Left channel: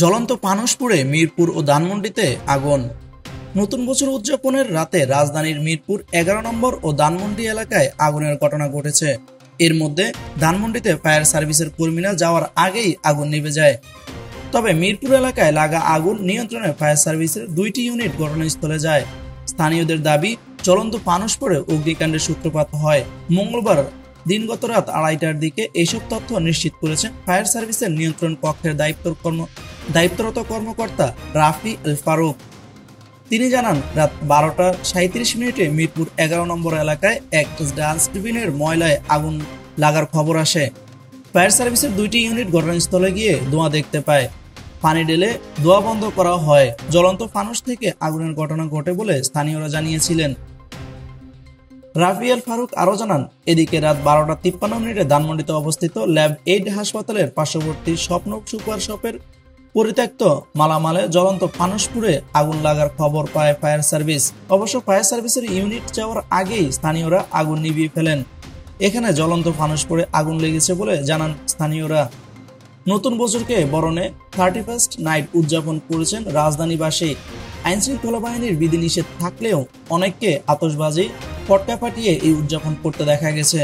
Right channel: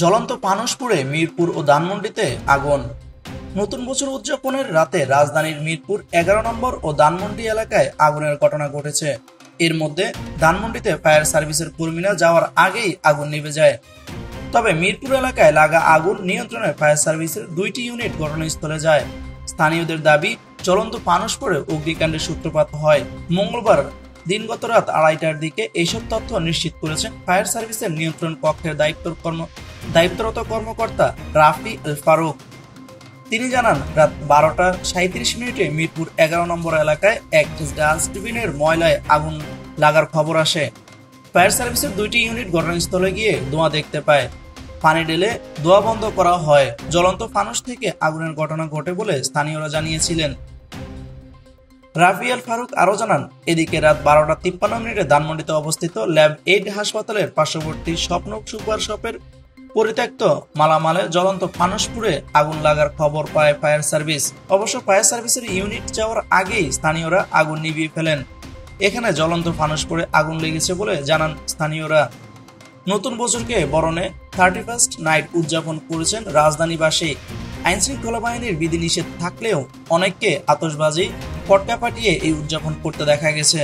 জ্বলন্ত ফানুস পুড়ে মিরপুর ও ধানমন্ডিতে আগুন। নতুন বছর উদযাপনের রাতে রাজধানীর মিরপুর 11 নম্বর ও ধানমন্ডি এলাকায় আগুনের ঘটনা ঘটেছে। এর মধ্যে ধানমন্ডিতে ফায়ার সার্ভিসের কর্মীরা যাওয়ার আগেই আগুন নিভে যায়। তবে মিরপুর এলাকায় লাগা আগুন নিয়ন্ত্রণে ফায়ার সার্ভিসের 2টি ইউনিট ঘটনাস্থলে যায়। স্থানীয়দের দাবি, জ্বলন্ত ফানুস পড়ে অগ্নিকাণ্ডের সূত্রপাত হয়। মঙ্গলবার দিনগত রাত 2:30টার দিকে এইসব তথ্য নিশ্চিত করেছেন ফায়ার সার্ভিসের নিয়ন্ত্রণ কক্ষের দায়িত্বরত কর্মকর্তা রাফি আল ফারুক। তিনি জানান, রাত 12টা 37 মিনিটে মিরপুর 11 নম্বর এলাকায় এক ডাস্টবিনের ময়লায় আগুন লাগার খবর আসে। ফায়ার সার্ভিসের 2টি ইউনিট ঘটনাস্থলে গিয়ে ধোঁয়া দেখতে পায়। পানি ঢেলে ধোঁয়া বন্ধ করা হয়। জ্বলন্ত ফানুস থেকে আগুনের ঘটনা ঘটে বলে স্থানীয়রা জানিয়েছিলেন। রাফি আল ফারুক আরও জানান, এদিকে রাত 12টা 53 মিনিটে ধানমন্ডিতে অবস্থিত ল্যাব 8 হাসপাতালের পার্শ্ববর্তী স্বপ্ন সুপার শপের পরিত্যক্ত মালামালে জ্বলন্ত ফানুস পুড়ে আগুন লাগার খবর পায় ফায়ার সার্ভিস। অবশ্য ফায়ার সার্ভিসের ইউনিট যাওয়ার আগেই স্থানীয়রা আগুন নিভিয়ে ফেলেন। এখানে জ্বলন্ত ফানুস পড়ে আগুন লেগেছে বলে জানান স্থানীয়রা। নতুন বছরকে বরণে 31st নাইট উদযাপন করেছেন রাজধানীবাসী। আইনশৃঙ্খলা বাহিনীর বিধিনিষেধ থাকলেও অনেককে আতশবাজি, পটকা ফাটিয়ে এই উদযাপন করতে দেখা গেছে।